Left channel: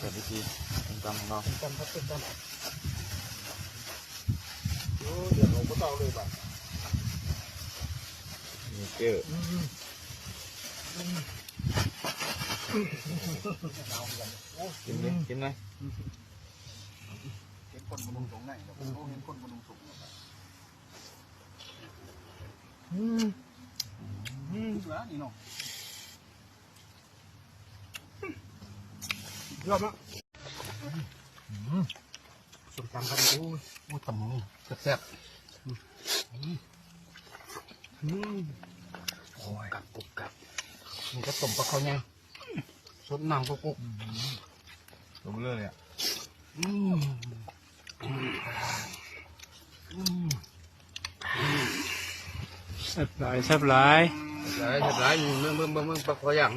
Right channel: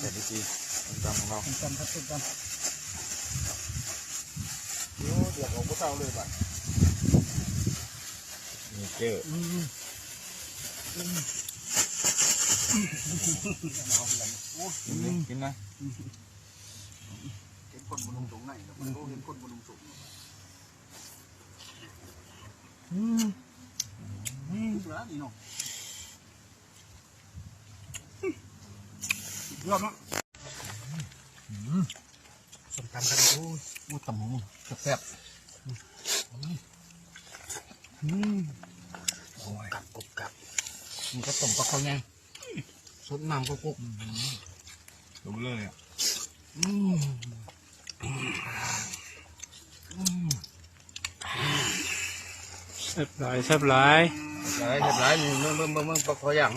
แต่วิธีต้มตำของเรา ต้มตำครับต้มตำ เดี๋ยวผมก็เต้าเลยบ่ะ มีเจอกินดิกินไหม เห็นคนบนลงสูงไหนเห็นคนบนลงสูงเหลือนี่เนาะยอดมากส้มตำกันโอ้ตำนี่แซ่บโอ้ยกรุบกรับมันก็ต้มปลาเขาไงสดน้ำกุ๊กลงเลยอ่ะแซ่บหลายแซ่บหลาย เรียบร้อยมีเมื่อปลาเขาอย่าง